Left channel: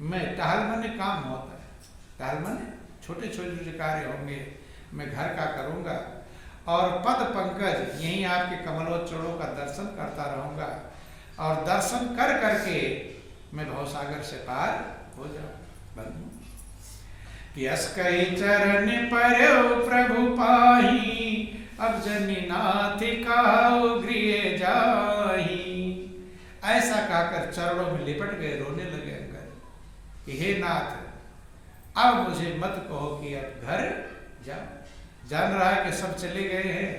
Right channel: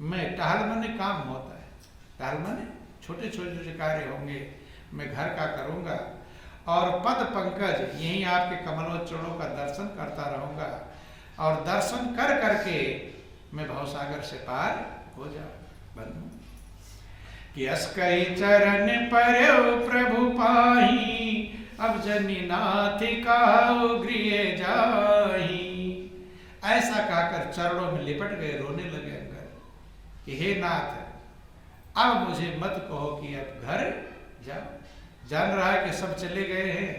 मैं टहल माने काम होता है, टहल माने छोटे छोटे कार्य होंगे, मैं घर का करूँगा और पद पंकज यहीं आपके कमलोच्चरणों का दर्शन करता रहूँगा और दर्शन कर करके मैं भवसागर से पार हो जाऊँ। बंधु कि अस्कई चरण परयो प्रभु पाही, अब जनी नाथ कहो गृह जाही। ऐसा कहकर चरणों में लिपट गए, रोने लगे अंगद कि हे नाथ अब मुझे मत कहो कि अब घर जाओ। जान रहा है कि सब चले गए हैं,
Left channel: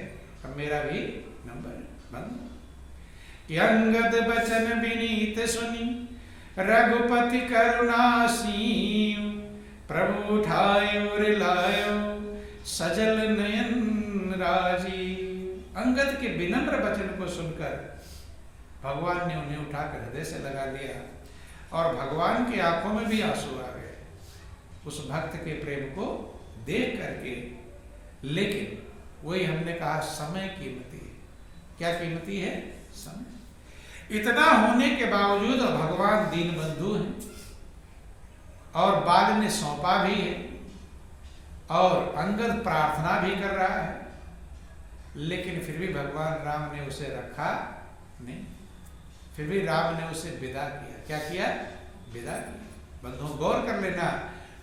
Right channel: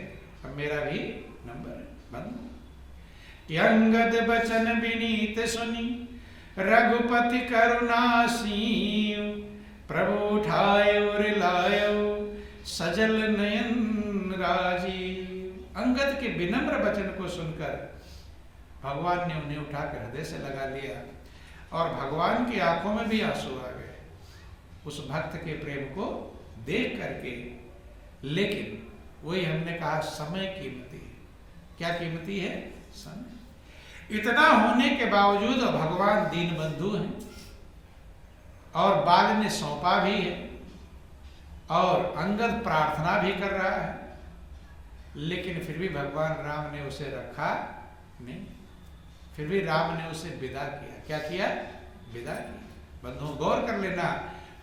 अब मेरा भी नंबर बंद। कि अंगद बचन विनीत सुनी, रघुपति करुणासीम। प्रभु उठाए और लायो, सजल नयन राजीव। अंगद के विनम्र वचन को सुनकर भगवान ने उन्हें उठाकर हृदय से लगा लिया और भगवान की आंखों में भी आंसू आ गए उस भक्त के प्रेम को देख करके। लेकिन वही हमने कहा, समय कीमती है। क्या कीमती है? समय। इतना होने के बावजूद भगवान दीन बंधु हैं और बाल ने सौंपा भी है और अंगद प्रार्थना भी कर रहा है, लेकिन फिर भी भगवान राम ने उसे रखा नहीं। फिर भी राम ने उसे विदा किया। क्या किया? विदा किया। बंधुओं गौर कर लेना,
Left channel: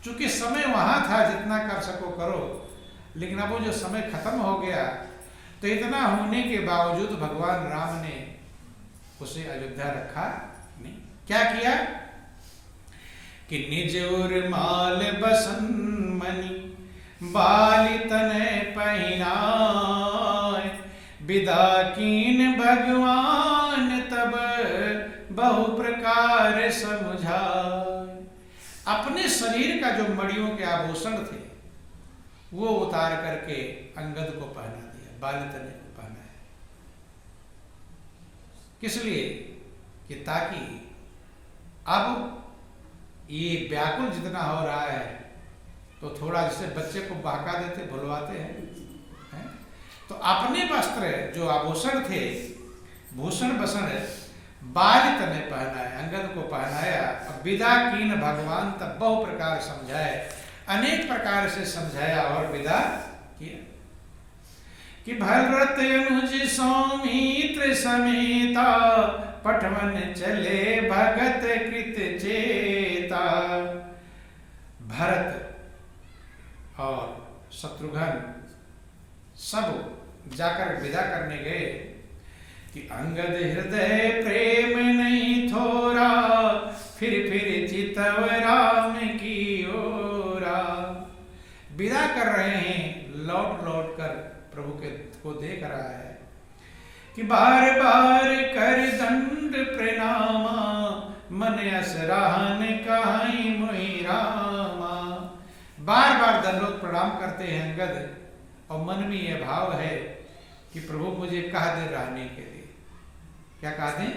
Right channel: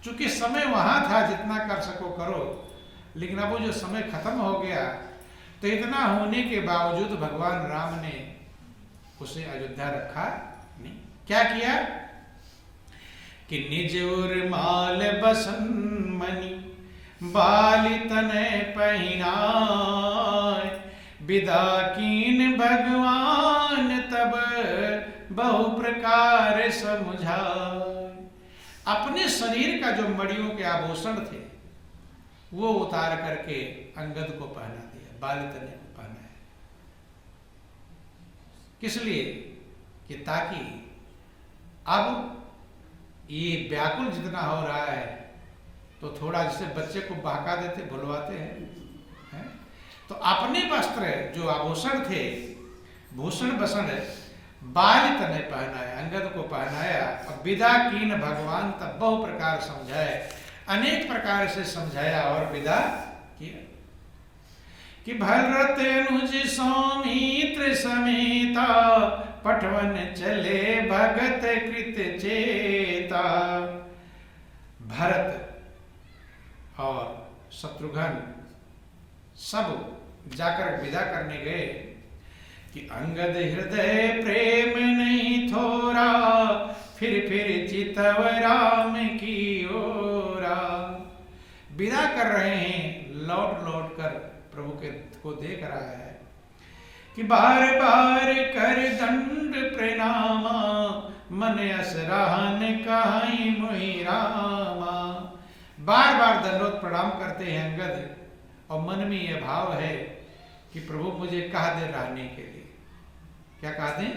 चूंकि समय वहां था जितना कर सको करो, लेकिन अब वो जो समय खत्म हो गया तो इतना होने के बावजूद भगवान राम ने उसे अयोध्या रखा नहीं। क्या किया कि निज उर माल बसन मणि, बाली तने पहिनाय। विदा कीन भगवान तब बहु प्रकार समझाय। अपने शरीर का जो मणियों के आभूषण थे वो उतार करके अंगद को पहना दिया, बाली तने को पहनाया। किस लिए? कि ताकि अब ये व्याकुल जितना हो रहा है तो थोड़ा जैसे बच्चे को बहका देते, भुलवाते हैं, तो अपने वस्त्र जो आभूषण थे, भूषण बसन बाली तने पहनाया, अंगद को पहनाया। अब विदा कीन भगवान तब बहु प्रकार समझाए, अनेक प्रकार से समझाया और विदा किया। कि भरत अनुज सौमित्र समेता, पठवन चले भगत कृत चेता। भरत और शत्रुघ्न सब जाकर विदा करने गए कि अंगद हृदय प्रेम नहीं थोरा, फिर चितव राम की ओरा। विदा कर रहे हैं, लौट लौट कर प्रभु के को देख रहा है कि बार बार कर दंड प्रणामा, मन असराहन कहाई मोहि रामा। बार बार दंडोत प्रणाम करते हैं अंगद और मन में यह भाव है कि प्रभु मुझे कह दे रहने के लिए। क्या कह दें?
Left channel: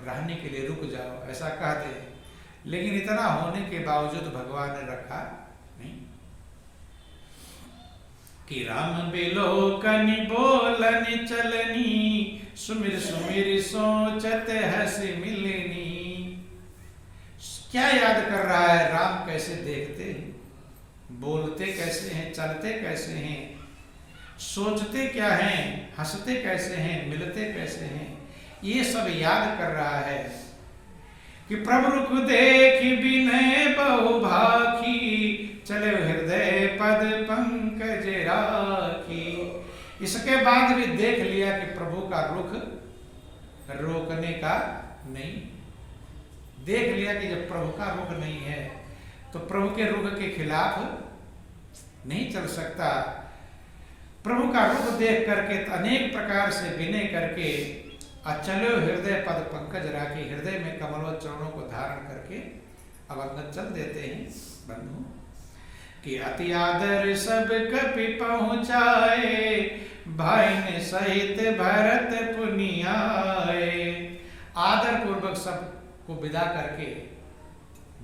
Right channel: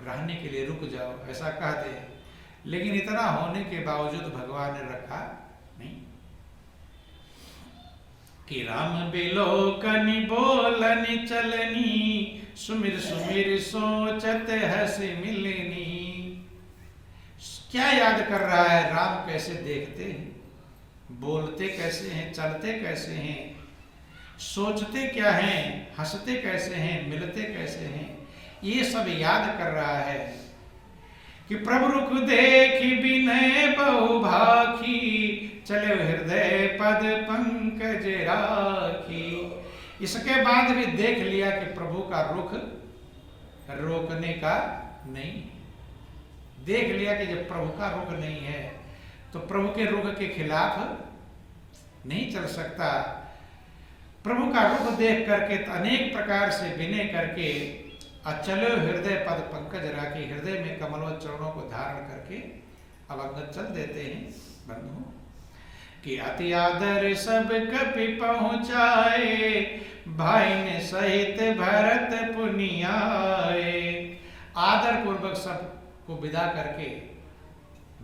रहने के लिए रुक जाओ, ऐसा कह दे। लेकिन इतना होने के बावजूद भगवान ने रखा नहीं। कि राम बिलोकनि बोलनि चलनी, सुमिर सुमिर सोचत हंसी मिलनी। क्या याद कर रहा है? राम कैसे देखते हैं, बोलते कैसे हैं, चलते कैसे हैं, सोचते क्या हैं, हंसते कैसे हैं, मिलते कैसे हैं, ये सब याद कर रहा है। कि प्रभु रुख देखी विनय बहु भाखी, चले हृदय पद पंकज राखी। इसके बाद भी देख लिया कि प्रभु का रुख रोकने का नहीं। देख लिया कि जब प्रभु का रुख नहीं है तो प्रभु के रुख के खिलाफ नहीं चल सकता। प्रभु का रुख देख करके अनेक प्रकार से विनय करके चलो हृदय पद पंकज राखी, हृदय में कमलोच्चरणों को धारण करके अब अंगद चल देते हैं। बंधु कि अति आदर सब कपि पहुँचाए, भाई ने सहित भरत पुनियाए। आदर पूर्वक सबको विदा करके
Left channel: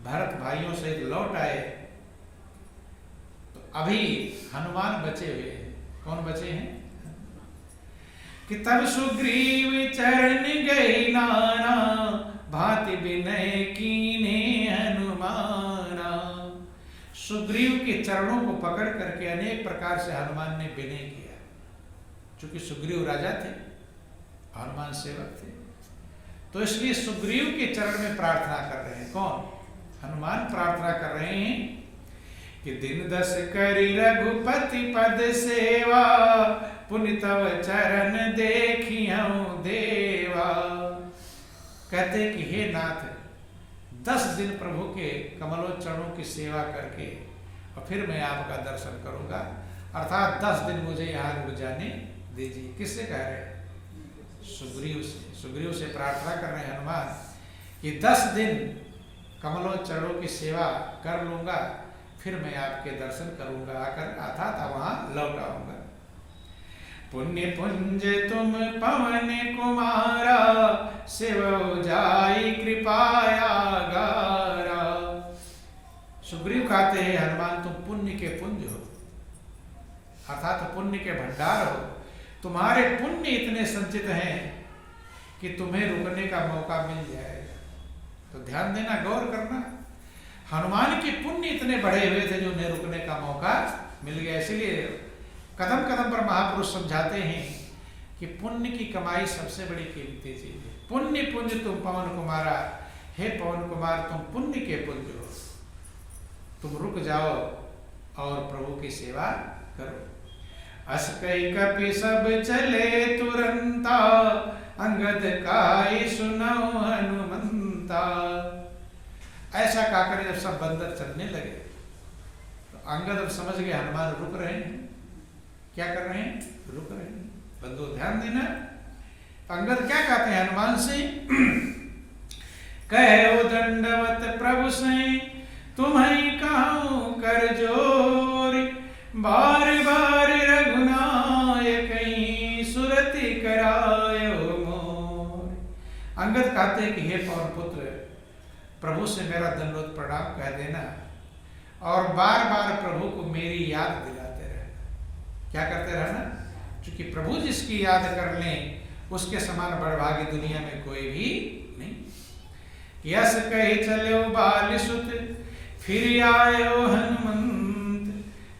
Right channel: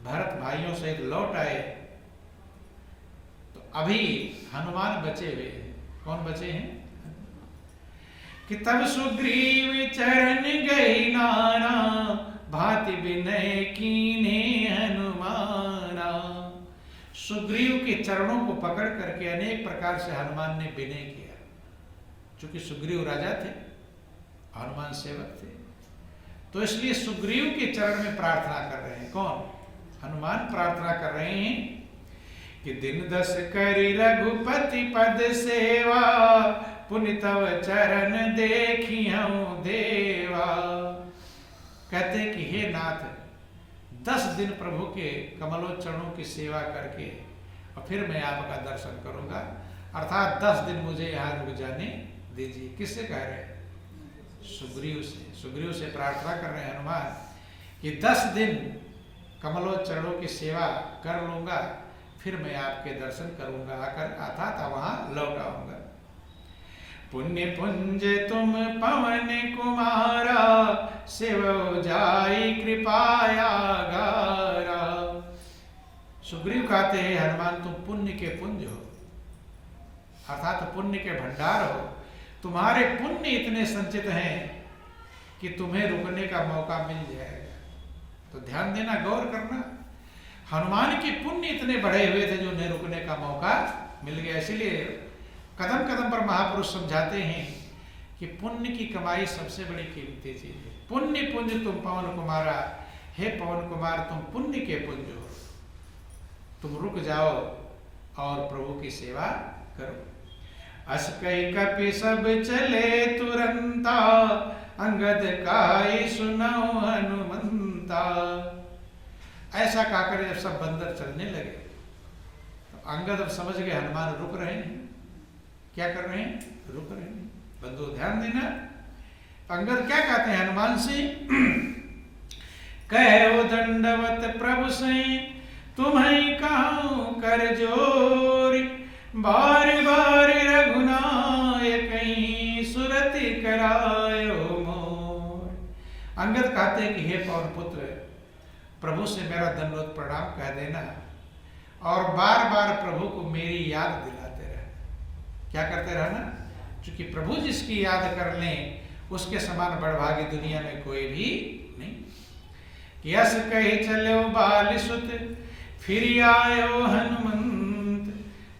भरत भाइयों सहित लौट आए। तो अभी हनुमान बचे हुए हैं। कौन बचे हैं? कि तब सुग्रीव चरण गई नाना, भांति विनय कीने हनुमाना। हनुमाना। सुग्रीव के चरणों को पकड़ करके अनेक प्रकार से हनुमान ने विनय किया। चूंकि सुग्रीव राजा थे, हनुमान सेवक थे, तो इसलिए सुग्रीव के चरण में प्रार्थना कर रहे हैं। कौन? हनुमान प्रार्थना कर रहे हैं कि दिन 10 करी रघुपति पद सेवा, पुनि तव चरण देखियौ देवा। कहते कि हे नाथ, 10 दिन प्रभु के कमलोच्चरणों की सेवा करके और फिर मैं आपका दर्शन करूंगा, अर्थात 10 दिन मुझे यहाँ रुक जाने दीजिए। किससे कह रहे हैं? सुग्रीव से। सुग्रीव से प्रार्थना कर रहे हैं हनुमान कि 10 दिन कमलोच्चरणों की सेवा कर लूंगा, फिर मैं आपके दर्शन करूंगा, आकर अर्थात वहां लौट आऊंगा। पुण्य पुंज तुम पवन कुमारा, सेवो जाई कृपाया गारा। सुग्रीव कहते हैं हनुमान, तुम पुण्य के पुंज हो, अर्थात पुण्य के भंडार हो। तुम्हारे पुण्य इतने संचित हैं कि तुम्हें रुकने का मौका मिल जाएगा। तो ध्यान देना, गौर करना, हनुमान के पुण्य इतने बढ़े हुए थे जो उन्हें रुकने का मौका मिल गया। इसीलिए कदम कदम पर महापुरुष समझाते हैं कि पुण्य की कमाई सबसे बड़ी कीमती चीज है। पुण्य पुंज तुम पवन कुमारा, हे पवन कुमार तुम पुण्य के पुंज हो, तुम रुक जाओ और प्रभु की सेवा करो। अस कई कपि सब चले तुरंता, अंगद काई सुनो हनुमंता। ऐसा कहकर जब सब बंदर चलने लगे तो अंगद अब समझ गए हनुमान रुक रहे हैं। क्या कर रहे हैं? रुक रहे हैं। बंधु ध्यान देना, अंगद क्या कहते हैं हनुमान से? कहो दंडवत प्रभु से, तुम्हें कहूं कर जोरी, बार बार रघुनायक सुरति करायो मोर। अंगद कहते हैं कि हे पवन पुत्र, प्रभु से मेरा दंडवत प्रणाम कह देना और बार बार प्रभु को मेरी याद दिलाते रहना। क्या करते रहना? क्योंकि प्रभु जिसकी याद कर लें उसके समान बड़भागी दुनिया में कोई भी नहीं। यस कही चलो बाल सुत, फिर आयो हनुमंत,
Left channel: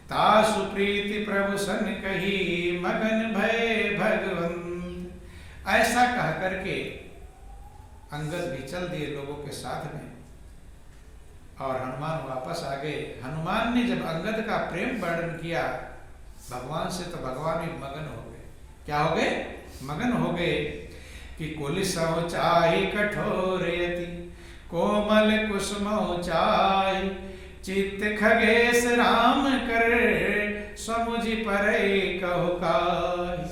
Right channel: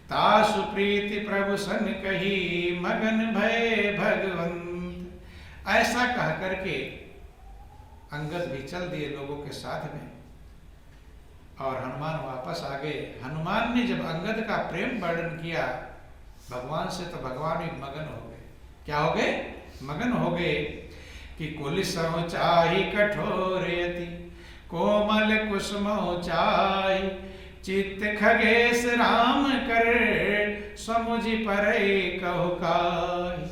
तासु प्रीति प्रभु सन कही, मगन भय भगवंत। ऐसा कह करके अंगद भी चल दिए लोगों के साथ में और हनुमान वापस आ गए। हनुमान ने जब अंगद का प्रेम वर्णन किया भगवान से, तो भगवान भी मगन हो गए। क्या हो गए? मगन हो गए कि कुलिसौ चाहि कठोरयति, कोमल कुसुमौ चाहि, चित्त खगेश राम कर, समुझि परै कहु काहि।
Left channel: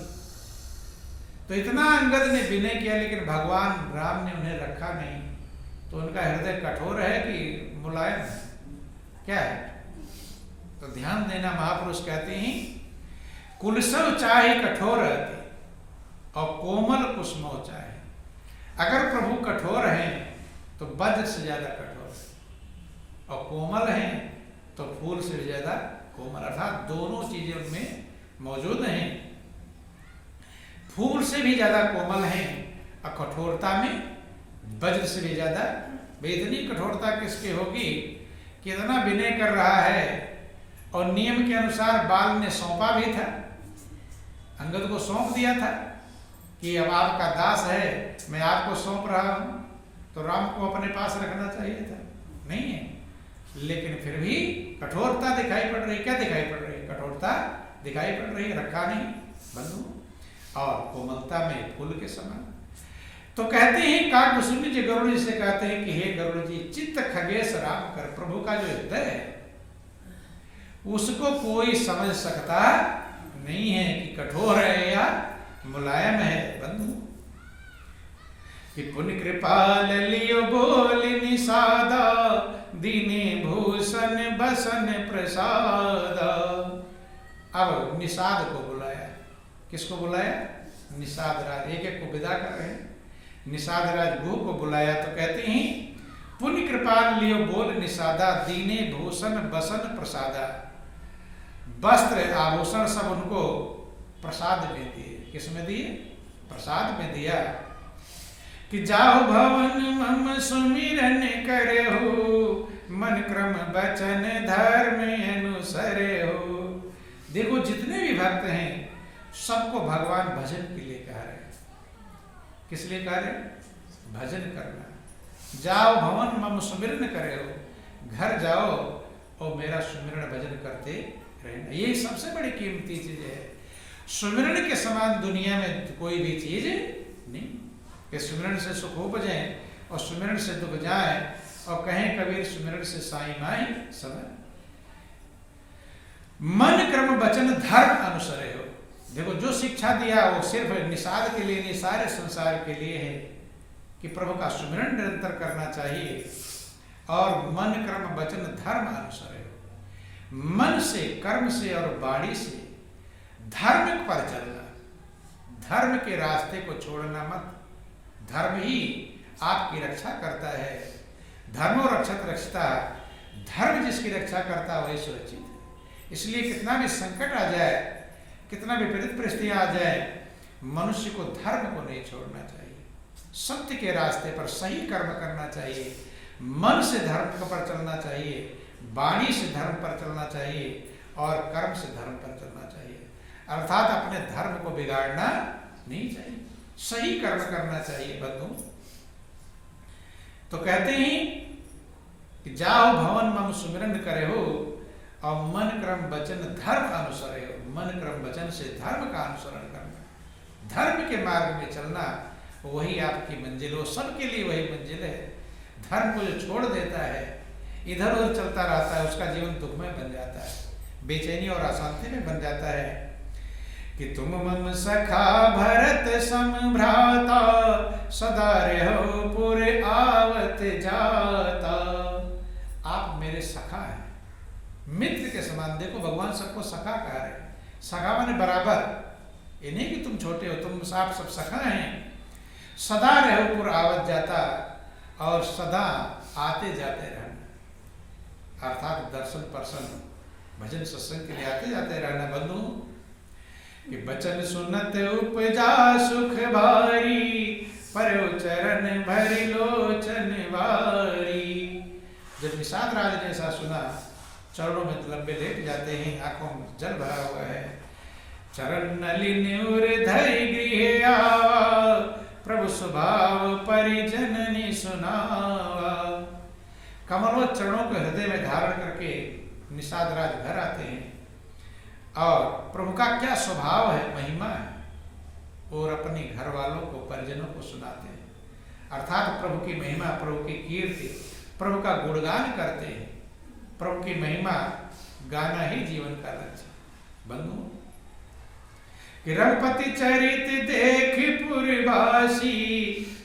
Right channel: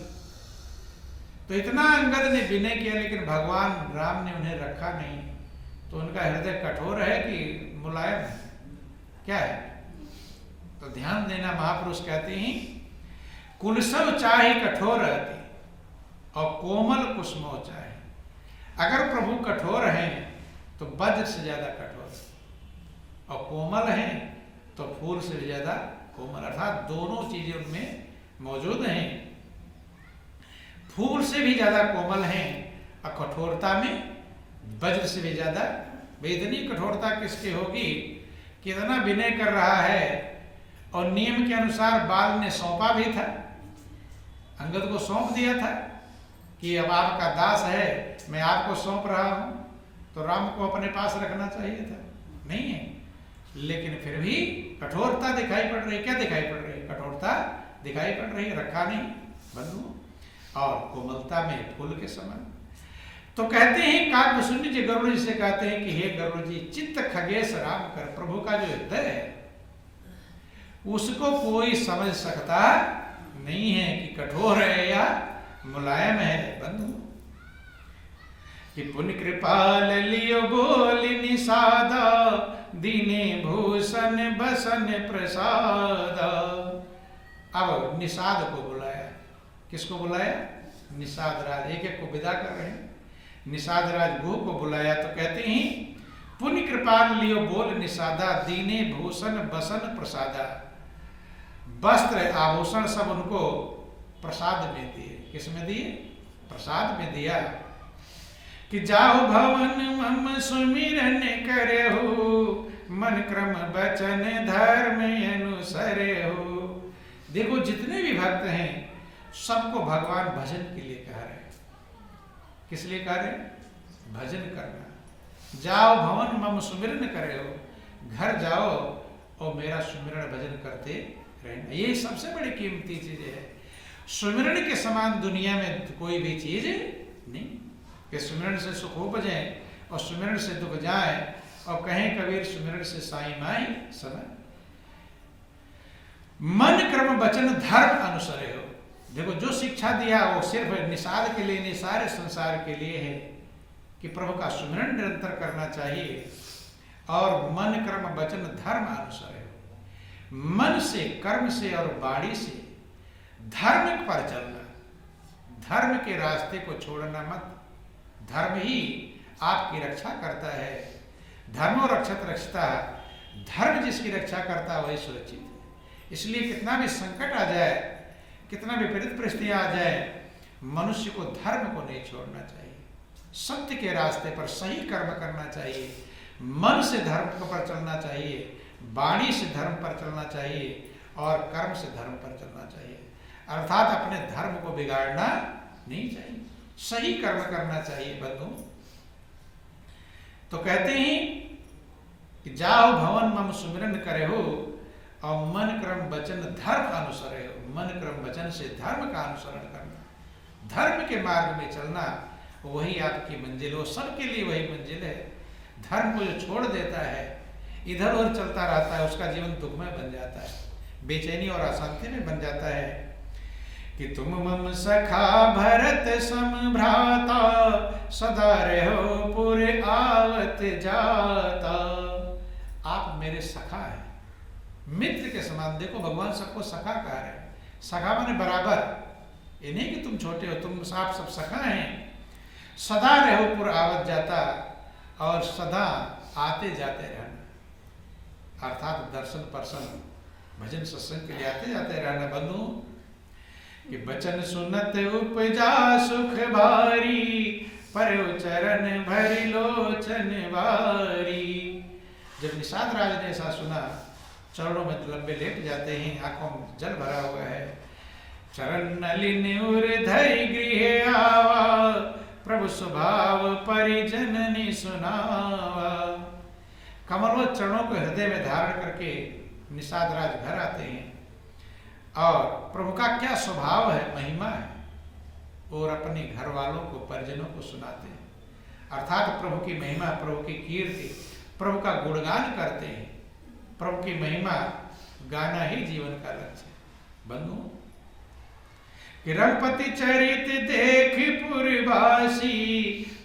तो इतना अंगद ने विनय किया, लेकिन भगवान राम ने उन्हें रखा नहीं। तो उनका हृदय कठोर है कि मुलायम है? क्या है? तो ध्यान देना, महापुरुष कहते हैं कुलसव चाहे कठोर रहते और कोमल कुसुमो चाहे। अगर प्रभु कठोर हैं तो वज्र से ज्यादा कठोर है और कोमल हैं तो फूल से भी ज्यादा कोमल, अर्थात दोनों चीजें उनमें मौजूद हैं। फूल से भी ज्यादा कोमल हैं और कठोरता में वज्र से भी ज्यादा। इतनी कठोरता किसकी होगी? कितना विनय कर रहा है और नियम के अनुसार बाल ने सौंपा भी था, अंगद को सौंप दिया था कि अब आपका दास है, मैं आपको सौंप रहा हूं। तो राम को अपने पास रखना चाहिए था, नहीं है। लेकिन फिर भी कठोरता दिखाई पड़ रही। क्या दिखाई पड़ रही? कठोरता दिखाई पड़ रही, रखा नहीं बंधु, और कोमलता में फूल के समान। तो कहते हैं काकभूषुंडी जी गरुड़ जी से कहते हैं कि हे गरुड़ जी, चित्त खगेश राम कर, प्रभु का जो हृदय है उसको कोई समझ सकता नहीं है कि कठोर है या मुलायम है बंधु। कि पुण्य कृपाल लियो बोल निषादा, दीने भूषण बसन प्रसादा। अब निषाद को बुलाया। किसको बुलाया? निषाद राज। एक एक को विदा कर रहे हैं। निषाद राज भू को बुलाया तो कहते हैं पुण्य कृपाल लियो बोल निषादा, दीने भूषण बसन प्रसादा। वस्त्र आभूषण सब उनको प्रसाद में दिए। किस में दिए? प्रसाद में दिया। कि जाओ भवन मम सुमिरन करे हो, मन क्रम बचन धर्म अनुसरे हो। देखो जितने भी भक्त हैं सबको भगवान भजन के लिए कह रहे हैं। किस लिए कह रहे हैं? भजन करना। जाओ भवन मम सुमिरन करे हो, घर जाओ और मेरा सुमिरन भजन करते रहना। ये सबसे बड़ी कीमती चीज है। सुमिरन के समान दुनिया में कोई भी चीज नहीं कि सुमिरन से सुख उपजे और सुमिरन से दुख जाए। और कहें कबीर सुमिरन से साई माई समय। मन क्रम वचन धर्म अनुसरे हो। देखो जो शिक्षा दिया वो सिर्फ निषाद के लिए नहीं, सारे संसार के लिए है कि प्रभु का सुमिरन निरंतर करना चाहिए। और मन क्रम वचन धर्म अनुसरे हो। मन से, कर्म से और वाणी से धर्म पर चलना, धर्म के रास्ते को छोड़ना मत। धर्म ही आपकी रक्षा करता है। धर्मो रक्षत रक्षता, धर्म जिसकी रक्षा करता है वही सुरक्षित है। इसलिए कितना भी संकट आ जाए, कितना भी विपरीत परिस्थितियां आ जाए, मनुष्य को धर्म को नहीं छोड़ना चाहिए। सत्य के रास्ते पर सही कर्म करना चाहिए। मन से धर्म पर चलना चाहिए, वाणी से धर्म पर चलना चाहिए और कर्म से धर्म पर चलना चाहिए। अर्थात अपने धर्म को बिगाड़ना नहीं चाहिए, सही कर्म करना चाहिए बंधु। तो कहते हैं कि जाओ भवन मम सुमिरन करे हो और मन क्रम वचन धर्म अनुसरे हो। मन क्रम वचन से धर्म का अनुसरण करना, धर्म के मार्ग में चलना, वही आपकी मंजिल हो। सबके लिए वही मंजिल है। धर्म को जो छोड़ देता है, इधर उधर चलता रहता है, उसका जीवन दुखमय बन जाता है, बेचैनी और अशांति में बन जाता है। कि तुम मम सखा भरत सम भ्राता, सदा रहो पुर आवत जाता। आप मेरे सखा हैं, मित्र के समान। देखो भगवान सबको सखा कह रहे हैं। सखा माने बराबर, ये नहीं कि तुम छोटे हो, तुम आप सब सखा हैं। सदा रहो पुर आवत जाता, और सदा आते जाते रहना। अर्थात दर्शन पर्शन भजन सत्संग के लिए आते जाते रहना बंधु। कि बचन सुनत उपजा सुख भारी, परयो चरण भरि लोचन वारी। जब निषाद राज ने ऐसा सुना, चरणों में लंबे लेट जाते हैं, आंखों में जल भरा हुआ है। चरण नलिन उर धरि गृह आवा, प्रभु स्वभाव परिजननि सुनावा। कमलवत चरणों को हृदय में धारण करके निषाद राज घर आते हैं और प्रभु का क्या स्वभाव है, महिमा है, और अपने घर वालों को, परिजनों को सुनाते हैं। अर्थात प्रभु की महिमा, प्रभु की कीर्ति, प्रभु का गुणगान करते हैं। प्रभु की महिमा गाना ही जीवन का लक्ष्य बंधु। कि रघुपति चरित देख पुरवासी,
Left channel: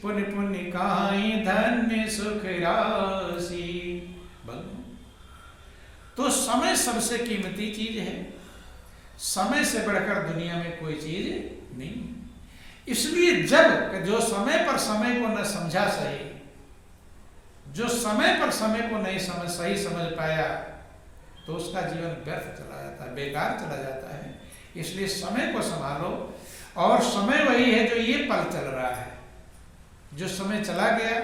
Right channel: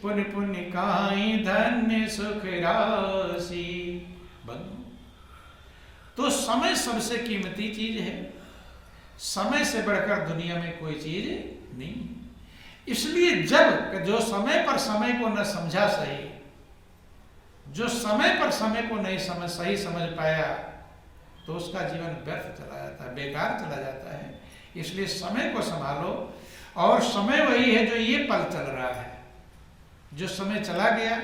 पुन पुन काई धन्य सुख राशि। बंधु तो समय सबसे कीमती चीज है। समय से बढ़कर दुनिया में कोई चीज नहीं। इसलिए जब जो समय पर समय को न समझा सही, जो समय पर समय को नहीं सही समझ पाया, तो उसका जीवन व्यर्थ चला जाता है, बेकार चला जाता है। इसलिए समय को संभालो। और समय वही है जो ये पल चल रहा है। जो समय चला गया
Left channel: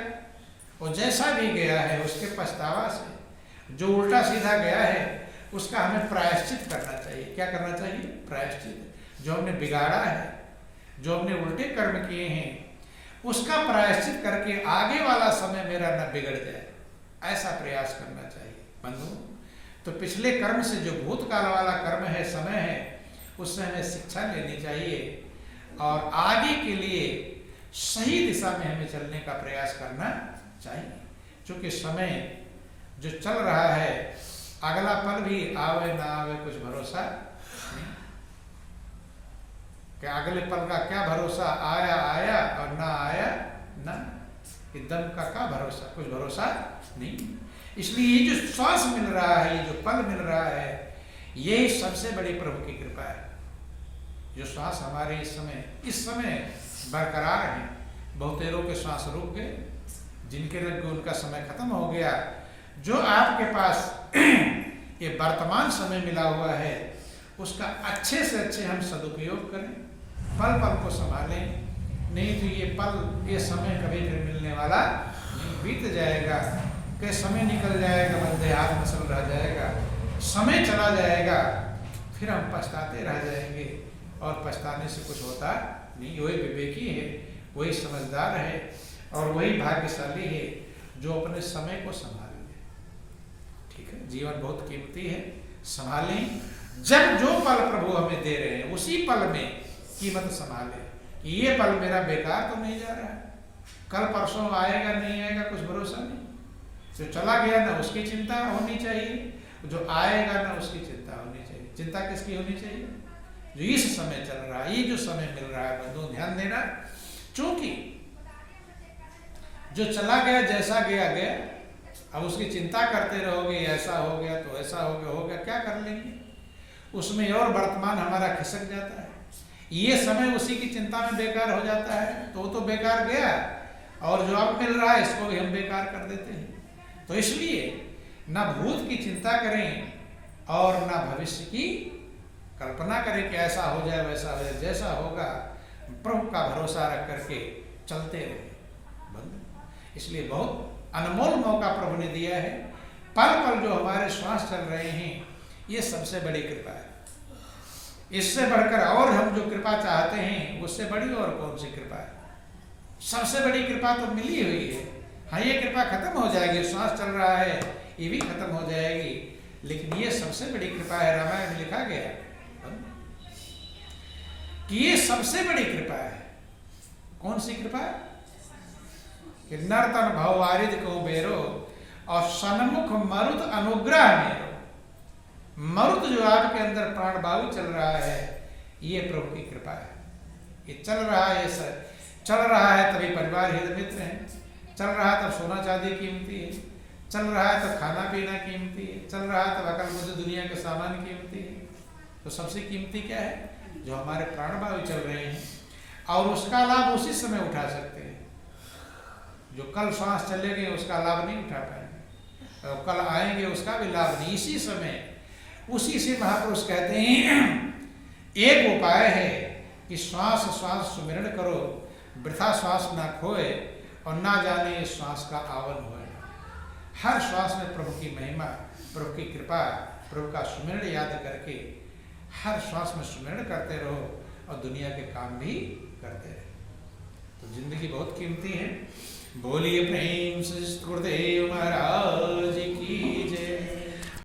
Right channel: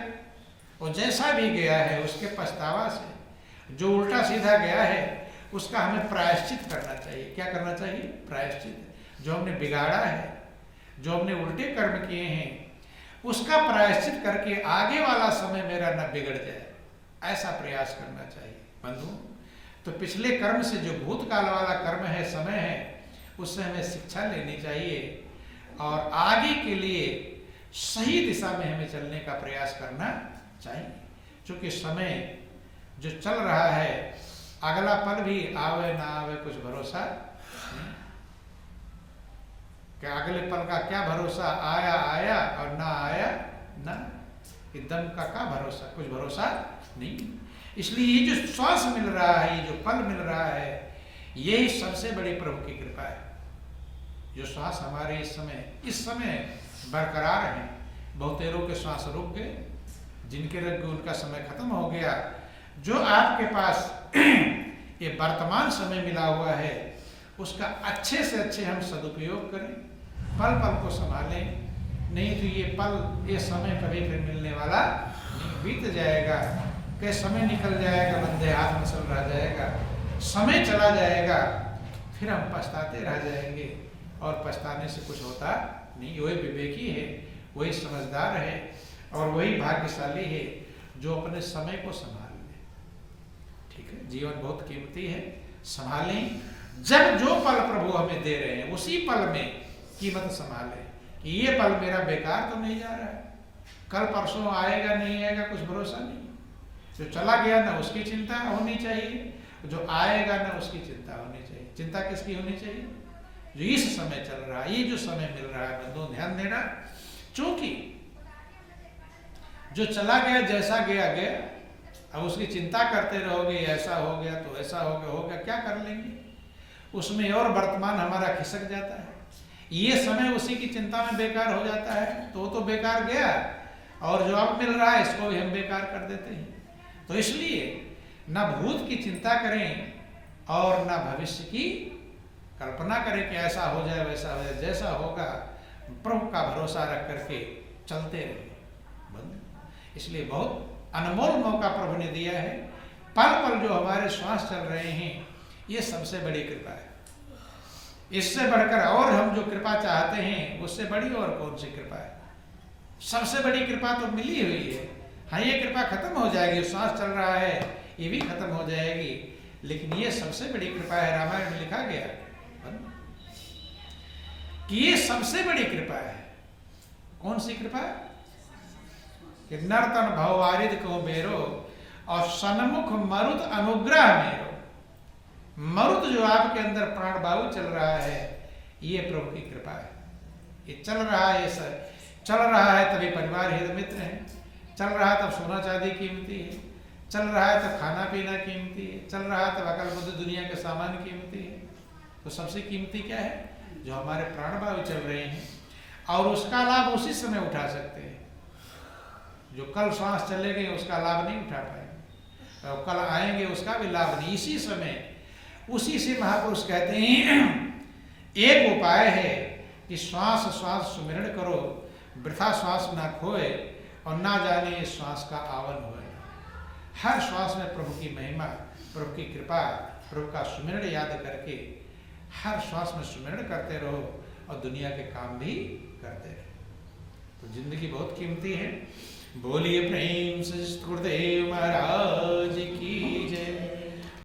और जैसा भी गया है उसके पछतावा से, जो उल्टा सीधा गया है उसका हमें प्रायश्चित करना चाहिए। क्या करना चाहिए? प्रायश्चित। जो हमने बिगाड़ा है, जो हमने उल्टे कर्म किए हैं, उसका प्रायश्चित करके आगे वाला समय मेरा न बिगड़ जाए, ऐसा प्रयास करना चाहिए बंधु। तो पिछले कर्म से, जो भूतकाल वाला कर्म है, समय है, उससे हमें शिक्षा लेनी चाहिए और आगे के लिए सही दिशा में हमें चलने का प्रयास करना चाहिए। क्योंकि समय जो चल रहा है, अगला पल भी आवे ना आवे कुछ भरोसा नहीं। कि अगले पल का क्या भरोसा, आया आया और ना आया ना। दम का क्या भरोसा, कुछ भरोसा नहीं। इसलिए ये जो श्वास मिल रहा है, ये जो पल मिल रहा है, यही सबसे बड़ी प्रभु की कृपा है। जो श्वास हमारे इस समय बरकरार हैं। बहुतेरों के श्वास रुक गए, जिनके रुक गए उनका समय खत्म हो गया। जो आपके पास ये वर्तमान समय मिला हुआ है, उसका अच्छे से अच्छे हम सदुपयोग करें, पल पल को संभालें। नहीं तो ये पल, ये समय कभी फिर मिलने वाला नहीं, बीत जाएगा। कि समय निकल जाएगा, बंदे हाथ मसल रह जाएगा, समय चला जाएगा, फिर हम पछताते रह जाएंगे और पछताने से कुछ होता नहीं। वही विवेकी है, वही समझदार है और वही भाग्यशाली है जो अपने समय को संभाल ले। ठीक है, जीवन बहुत कीमती है, संभालें। जब जो पल प्रभु हमें दे रहे हैं उसी पल में कीमत संभालें कि ये पल मेरा बेकार तो नहीं जा रहा है, कल परसों आएगा नहीं आएगा कुछ भरोसा नहीं। जो चला गया ना उसकी चिंता होनी चाहिए, जो आएगा ना उसकी चिंता होनी चाहिए। चिंता किसकी होनी चाहिए? जो इस समय चल रहा है, ये जो समय मिल रहा है, बंधु ध्यान देना। क्योंकि जो चला गया जैसा गया गया, अब उसकी चिंता करते रहोगे ऐसा हो गया तो ऐसा हो गया, क्या कर लेंगे? उसमें और वर्तमान हमारा खिसक जाता है। ये समय उसी की चिंता में बेकार हो जाता है, तो वो तो बेकार गया, और जो अब मिल रहा है इसको भी हम बेकार कर देते हैं। तो इसलिए ना भूत की चिंता करें और ना भविष्य की कल्पना करें कि ऐसा हो जाए वैसा हो जाए। जैसा होगा प्रभु का भरोसा रख करके चलते रहे। इसलिए बहुत अनमोल मौका प्रभु ने दिया है। पल पल जो हमारे श्वास चल रहे हैं, ये सबसे बड़ी कृपा है। इससे बढ़कर और हम जो कृपा चाहते हैं उससे बड़ी और कौन सी कृपा है? सबसे बड़ी कृपा तो मिली हुई है। हाँ, ये कृपा खत्म हो जाएगी, श्वास चल रहा है ये भी खत्म हो जाएगी, लेकिन ये सबसे बड़ी कृपा है। रामायण में लिखा गया कि ये सबसे बड़ी कृपा है। कौन सी कृपा है? कि नर्तन भव वारिद को बेरो और सन्मुख मरुत अनुग्रह मेरो। मरुत जो आपके अंदर प्राण वायु चल रहा है, ये प्रभु की कृपा है। ये चल रहा है, चल रहा है तभी परिवार हित मित्र है, चल रहा है तब सोना चांदी कीमती है, चल रहा है तब खाना पीना कीमती है, चल रहा है तब अकल बुद्धि दुनिया के सामान कीमती है। तो सबसे कीमती क्या है? जो हमारे प्राण वायु चल रहे हैं, और उसका लाभ उसी समय उठा सकते हैं। जो कल श्वास चले गए उसका लाभ नहीं उठा पाएंगे, और कल आएंगे उसका भी लाभ नहीं। इसी समय उसी से महापुरुष कहते हैं एक उपाय है कि श्वास श्वास सुमिरन करो, वृथा श्वास ना खोए और ना जाने श्वास का आवन होए। हर श्वास में प्रभु की महिमा, प्रभु की कृपा, प्रभु का सुमिरन याद करके हर श्वास में सुमिरन करते रहो और दुनिया के काम भी करते रहो। तो जिंदगी बहुत कीमती है। बोलिए प्रेम से गुरुदेव महाराज की जय।